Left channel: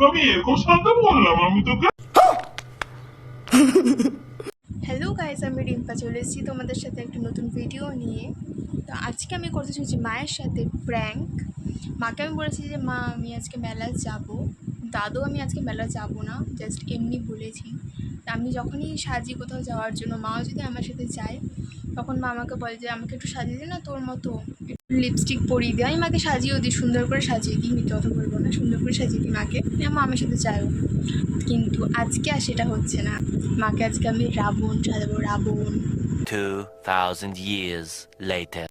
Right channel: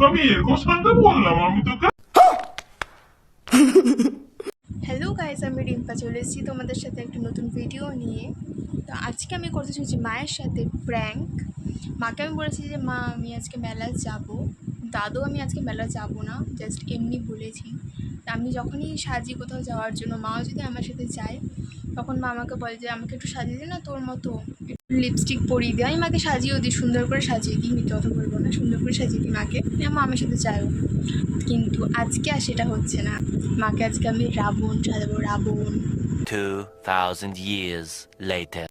কবি এরকম সান্তান বললাম আমি তোকে। হ্যালো গাইস, আমি রিম্পা চলে এসেছি তোমাদের সাথে একটা নতুন ভিডিও নিয়ে। তো আজকে আমি করতে চলেছি মায়ের সাথে প্র্যাঙ্ক। মাকে আমি বলেছি যে মা আমি আজকে মেলায় যাব, দাদু আমি আজকে মেলায় যাব না, জাস্ট এমনি বলেছি। আমি যখনই সাজি কোথাও যাওয়ার জন্য, মাও যদি আমার সাথে যায়, তখন মা আমাকে বলে যে আমাকে একটু সাজিয়ে দে না, তোর মতো লিপস্টিক পরিয়ে দিই। আমি মাকে সাজিয়েও দিই, সুন্দর করে সাজিয়ে দিই, মিথ্যে কথা বলবো না, সুন্দর করে সাজিয়ে দিই মাকে। মা আমার সাথে যায়ও, কিন্তু আজকে আর সেটা হচ্ছে না। মাকে আজকে আমি রাবণ সাজাবো, রাবণ। 2000 years later.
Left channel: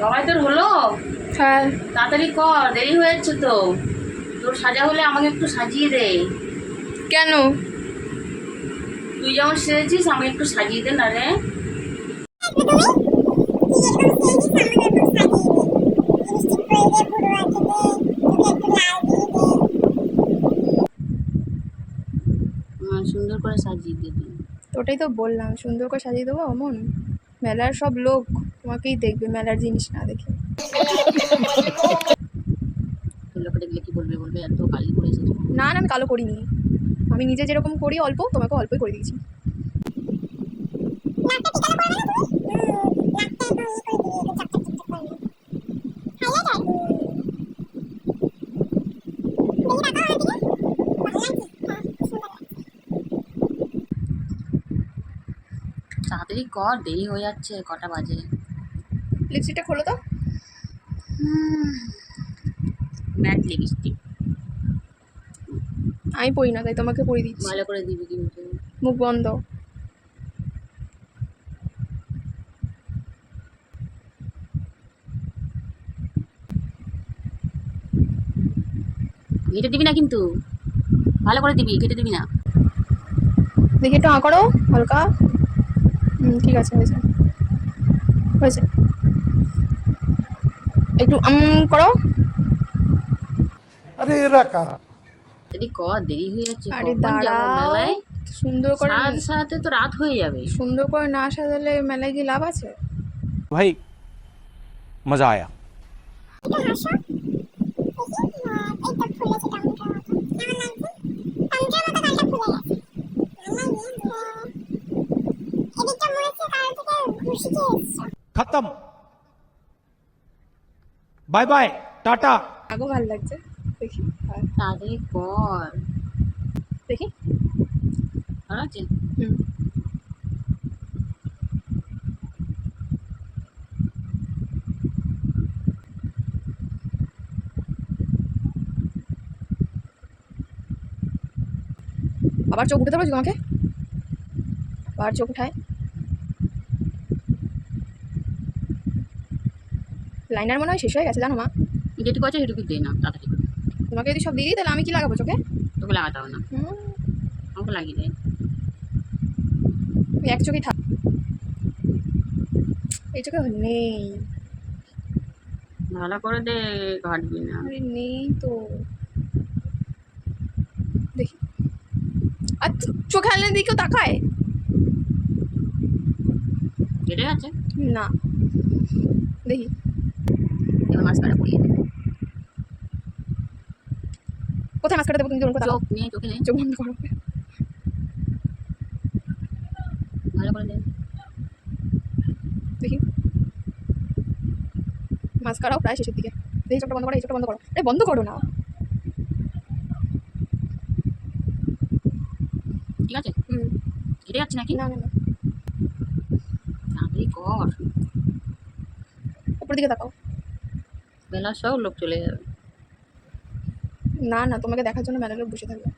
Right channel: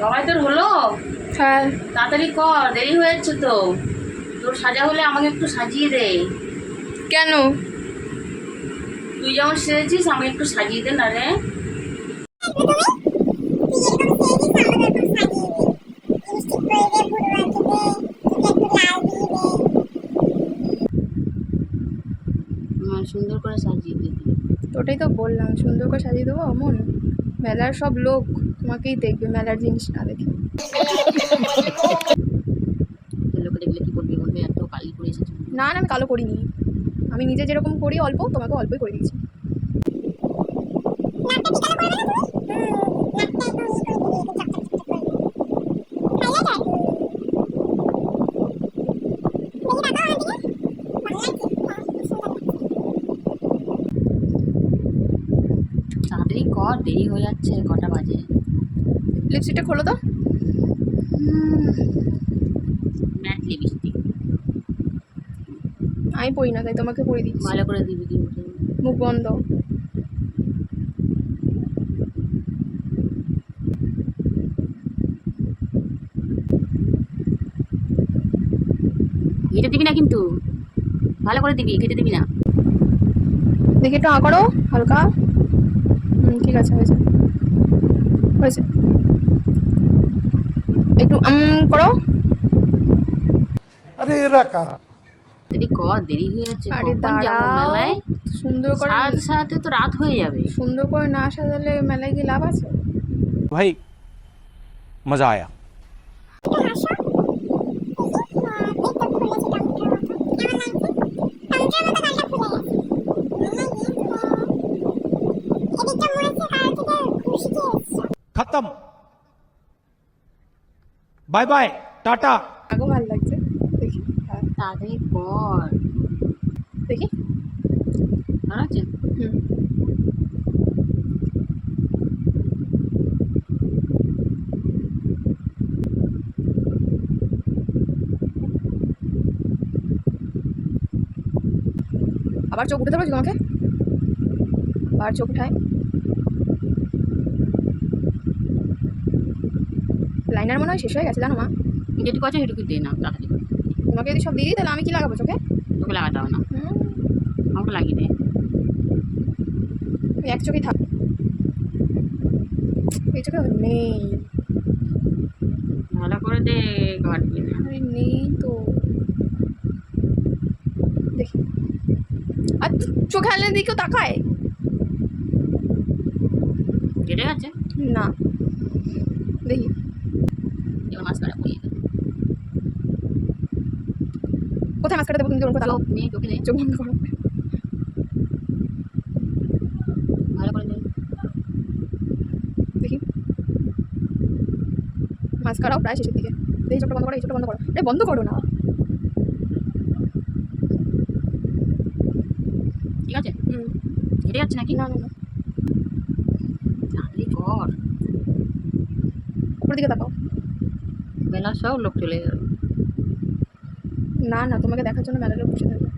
সবাই তোর হলো? হ্যাঁ। তাড়াতাড়ি কর, দেরি হয়ে যাচ্ছে তো। তোর সাজা হলে আমাকে একটু সাজিয়ে দে। কেন? তুই যেমন সেজেছিস আমাকে একটু সাজিয়ে দে না রে। সুন্দর করে সাজিয়ে দে তুই। ওটাই তো বললাম, সুন্দর করে সাজিয়ে দেবো। মন মেলার সব লোক তোমাকেই দেখবে, মেলার জিনিস না দেখে। লোকে দেখলে কি বলবে? বলবে এত কালি করে এসেছে। না না, আমি কালো করিনি। আমি নিজে যেরকম করি অল্প, তোমাকে অল্পই করে দিয়েছি। তাড়াতাড়ি কর, দেরি হয়ে যাচ্ছে। কটা বাজে? লিপস্টিকটা খোলো তো। ম্যাট লিপস্টিক আমি পরি না, তাই তোমাকে পরিয়ে দিচ্ছি। ভালো করে দিবি কিন্তু। মুখ বন্ধ। ঘেটে দিবি না কিন্তু, ভালো করে দিবি, ঘেটে দিবি না। দেখি একটু করো হালকা। ঠিক আছে, হয়েছে হয়েছে। একটু করো। আরে এরা কারা? দেরি কর, দেরি হয়ে যাচ্ছে। আরে কখন যাবো দাঁড়াও, মেলায়? সুন্দর করে। সাজাতে সাজাতে তো রাত হয়ে যাবে। সুন্দর করে না সাজালে মেলায় গিয়ে লাভ আছে? ভাই মজা আয়া। খতম, বাই বাই, টাটা। আগেও ভালো লাগছে, দেখি। হ্যাঁ তাড়াতাড়ি কর। দেখি। ভালো আছে? হুম। আবার চোখ উঠাতে পারছি তোমাকে? আবার চোখ উঠায়। লাইনার মনে হয় শেষ হয়ে গেছে, জানো মা। যেটুকু আছে সেটুকু দে না, তাড়াতাড়ি করে। তোমাকে যদি সব দিয়ে দিই, তাহলে আমি কি লাগাবো চোখে? তোকে লাগাতে হবে না, হুম, আমাকে লাগিয়ে দে। ওই এক চোখেই থাক, এই চোখে নেই। ভালো করে দে, কাটবি না। আরে নেই তো, দেখি। আর চোখে আনলে দিকেও তাকায় কেটে গেছে? না, দেখি। এবার মাস্কারা পরিয়ে দে। কোথায় মাস্কারা দেবো? তুমি যেমন কথা, চোখ নিয়ে চোখে দে, চোখ বন্ধ করো। ভালো করে দে। দেখি মাস্কারাও প্রায় শেষের দিকে। এই চোখটা বন্ধ করো, এই চোখটা বন্ধ করো। আরে বন্ধ করো না। ঠিক আছে? কেটে যাচ্ছে নাকি? না না না, তাড়াতাড়ি কর, উপরের দিকে তাকাও। বেলা সব লোক চলে যাবে। না না, তোমাকে দেখার জন্য মেলার লোক বসে থাকবে।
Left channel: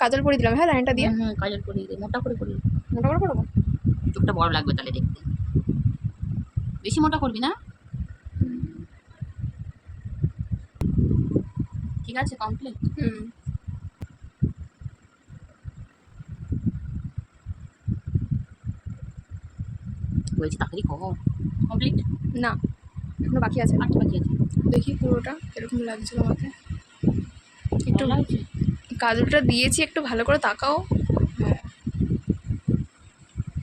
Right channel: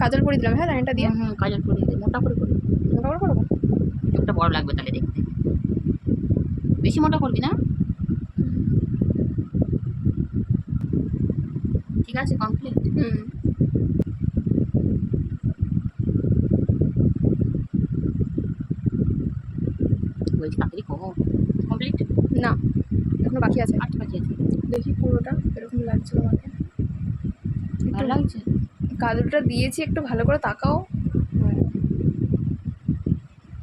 কাজল পরিয়ে দিলাম, হ্যাঁ লাইনটা দিয়ে। কাজল পরিয়ে দে, মোটা করে করি। মোটা করে করবো। চোখটা বড় লাগবে তাহলে দেখতে। বেশি মোটা করবি না। ঠিক আছে, কমপ্লিট। বলছি তাড়াতাড়ি কর, কমপ্লিট। না, এখনো বাকি আছে। আটটা বাকি আছে। দেখি পুরোটা এরকম লাগছিল আমাকে। একটু ভালো লাগছে? কাজলটা দিয়েছি, একটু ভালো করে তাকাও। হ্যাঁ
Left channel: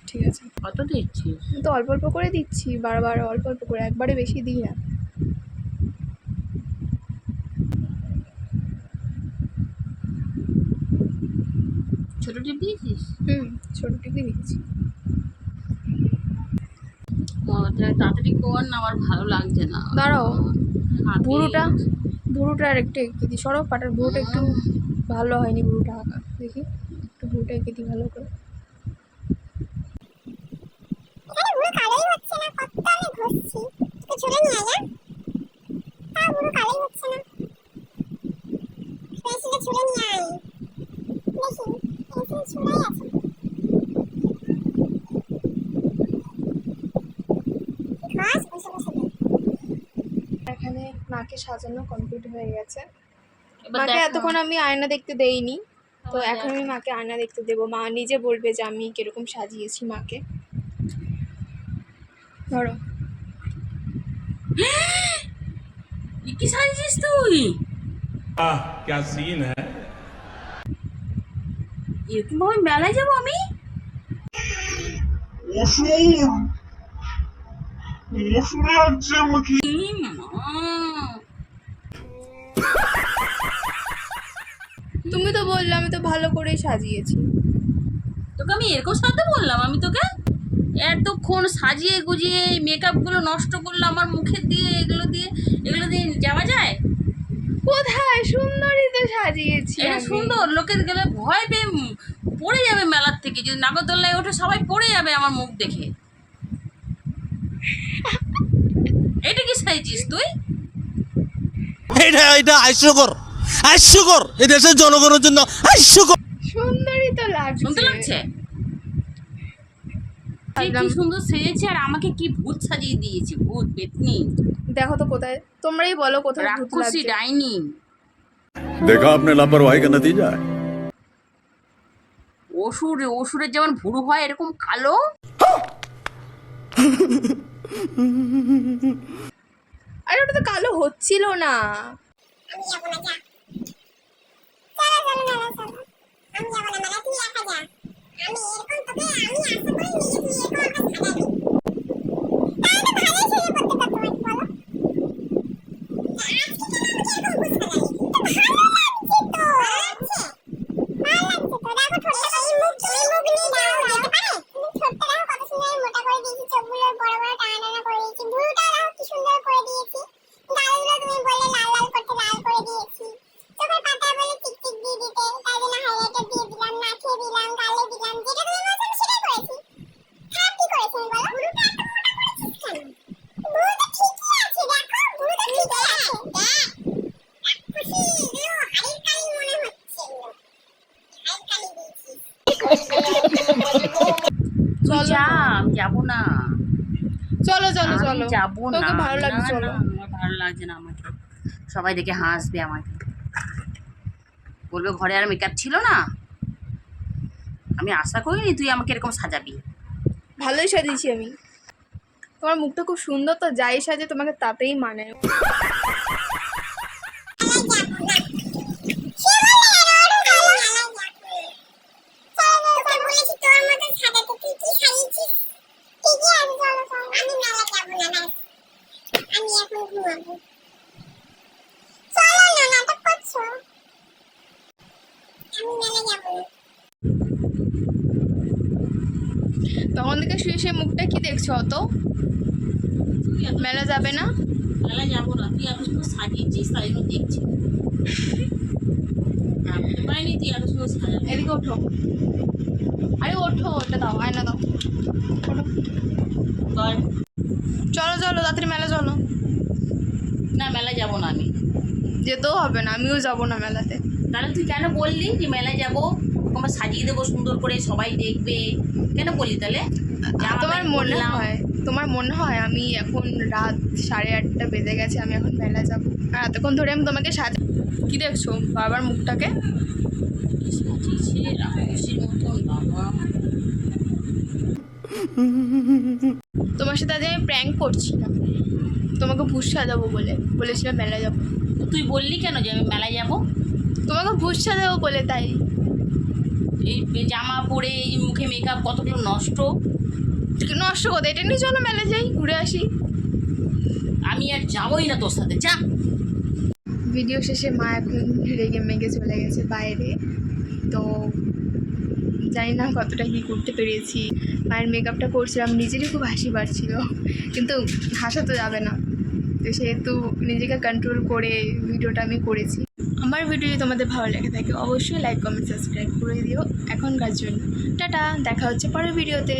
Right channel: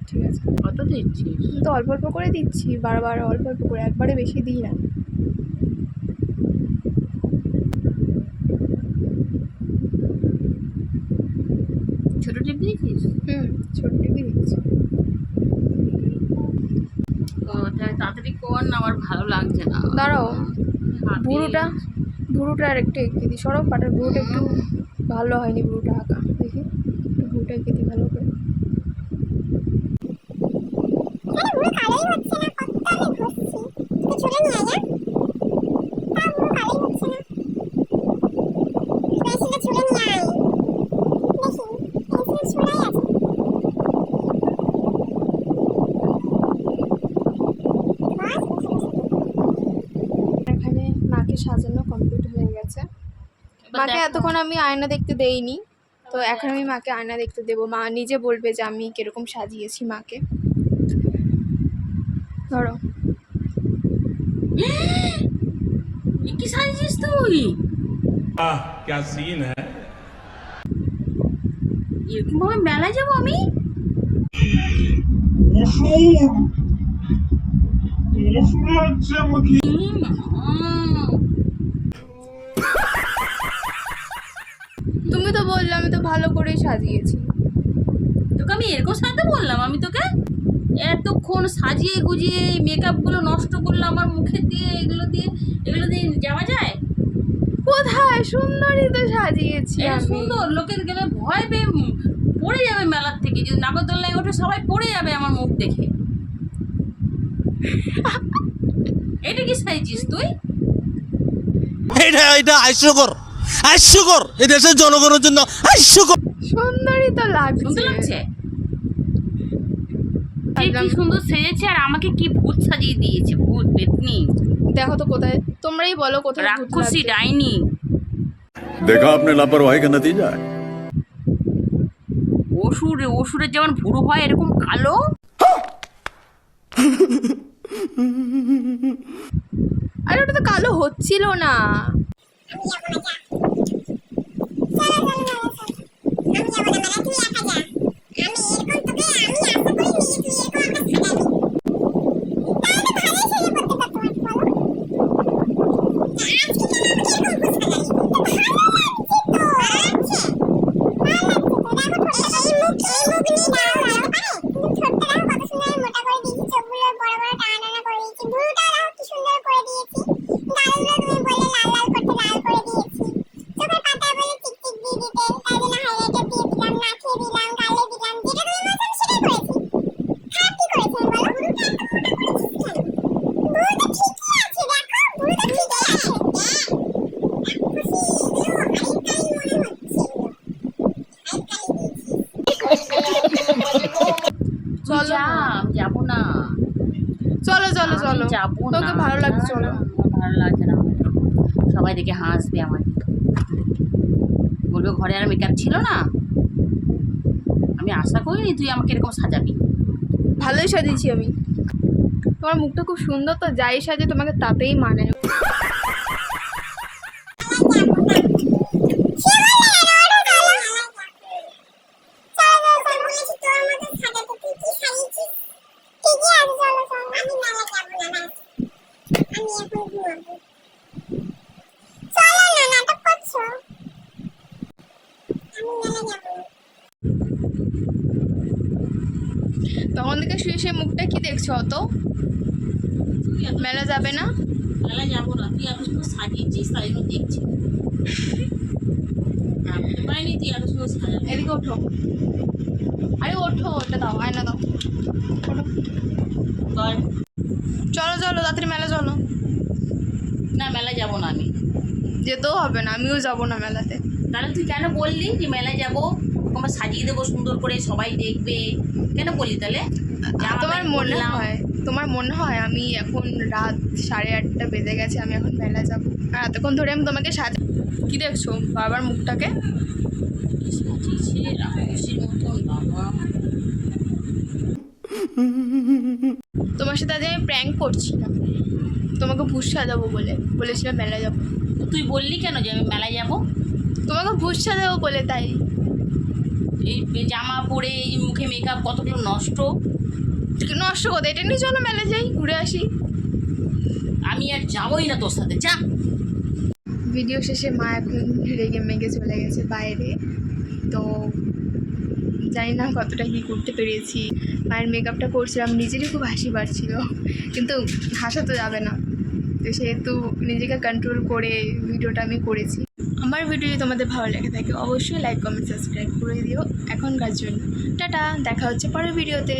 ঠিক আছে। কত দিচ্ছিস? আমি তো অল্প অল্প করে দিচ্ছি, বারবার অল্প অল্প করে, একবারে বেশি দিই না। ছোট টিপ দিয়েছিস? ছোট টিভি দিচ্ছি। ও তাড়াতাড়ি কর না, আমার ভালো লাগছে না। দাঁড়াও, হাতে- ভুরুটা আর একটু এঁকে দিই। সরব পাটার ভুরুটা একটু ভালো হয়নি, ভুরুটা আঁকা দেখি, একটু ভুরুটা এঁকে দিই ভালো করে। এখানে মাকে সাজানো কমপ্লিট হয়ে গেছে। এবার মাকে দেখ এতক্ষণ আমি আয়না দেখতে দেইনি, তো এখন আমি মাকে আয়না দেখতে দেবো। মা নিজে বলবে যে আমি কিরকম সাজিয়েছি মাকে। ধরো, এ কি সাজিয়েছিস তুই? क्या सीन है এরকম ভাবে মেলায় যাবো আমি? অসুর অসুর লাগছে আমাকে। তুমি তো বললে আমি তো ভালো করেই সাজিয়েছি। তোকে আমি এরকম সাজাতে বললাম? আমি তোকে এতক্ষণ সাজিয়ে গুজিয়ে মেকআপগুলো নষ্ট করলাম আমার মুখের দিয়ে, এগুলো দিয়ে যাওয়া যায়? কোথায়, সুন্দরই তো সাজিয়েছি এটা আমি। সুন্দর, লোকের গেলে ভয় পেয়ে পড়ে যাবে মেলার থেকে। যদি নাগরদোল্লায় ওঠে সবাই পড়ে যাবে আমার মুখ দেখে। এটা কি সাজিয়েছিস তুই? এটা হাস্যকর এই দেশের জনগণের জন্য হাস্যকর। সুন্দরই তো লাগছে। শুনতে লাগছে? কি সুন্দর সেজেছে, আর আমাকে কি ভূত সাজিয়ে দিয়েছে, ভূত পেতনি। দেখো তো কোথায়, তোমরাই বলো কোথায় ভূত রাক্ষসী লাগছে। ডাইনি। देखा आपने लापरवाही का नतीजा है। অসুরের যেমন ভুরু হয় এরকম কালো। আরে ওটা তো কালো হচ্ছিল না। তুই যা, আমি যাবো না। চলো চলো আমি চলো, যাবো না। তোকে ভালো লাগছে না, চলো। না, আমার ভালো লাগছে না। আমাকে সবাই দেখে হাসবে, আমাকে বলবে ঘরে আর মেকআপ ছিল না। আমি আশা করিনি তুই আমাকে এরকম সাজাবি। ভালোই সাজিয়েছি আমি। তোমার মুখটা খুব সুন্দর, তো যাই সাজে তোমাকে তাতেই মানে। তখন থেকে শুয়ে শুয়ে মুখটা কি দেখছো? অত মেলা যাবে না? মেলা যাবো না, তুই এত সুন্দর সাজিয়েছিস তাই জন্য দেখছি। ভাবতে পারিনি তুই এত সুন্দর সাজাবি। এদিকে ওঠো, আরে ওঠো, ওটা দাও, আয়না দাও, ওঠো। বল। চলো চলো তাড়াতাড়ি মেলা চলো। না, মেলা যাবো না আমি। যেতেও হবে না, আমিও যাবো না মেলাতে। তাহলে তুই কেন বললি যে মেলায় যাবো, আমরা সাজিয়ে দেবো সুন্দর করে, সবাই দেখবে? কেন বললি তাহলে? তোমার মনে হয় আমি এখন রাত 8:30 বেজে গেছে, আমি এখন মেলা যাবো? আর এতক্ষণ ধরে আমি তোমাকে কি দেখছো বাবার মুখটাকে? সাজিয়েছে রাক্ষসীর মতন বাবা। তোমার সাথে আজ আমি প্র্যাঙ্ক করছিলাম, তোমাকে ভূত সাজাবো বলেছিলাম মেলা যাবো। তো তুই বললি কেন যে আমি মেলায় যাবো? তোমাকে ভূত সাজাবো বলে, তাই। এই জামা পরে এই মুখে মেকআপ কতগুলো নষ্ট। নষ্ট করতে এটা নিয়ে চলো মেলা যাই, ঘুরে আসি। আমি আর যাবোই না তোর সাথে, যা। ভিডিও শেষে মা এখন রেগে মেগে চলে গেছে বাইরে, তো জানি না কতটা কী করতে পেরেছি। মায়ের মেকআপটা করছিলাম, নিজেরই খুব হাসি পাচ্ছিল, কিন্তু হাসা তো যাবে না, তো সেহেতু নিজেকে কন্ট্রোল করে ভিডিওটা আমি করেছি। আমার ভিডিও যদি তোমাদের ভালো লেগে থাকে অবশ্যই লাইক কমেন্ট সাবস্ক্রাইব করে দিও এখনকার জন্য। টাটা, দেখা হচ্ছে পরের ভিডিওতে।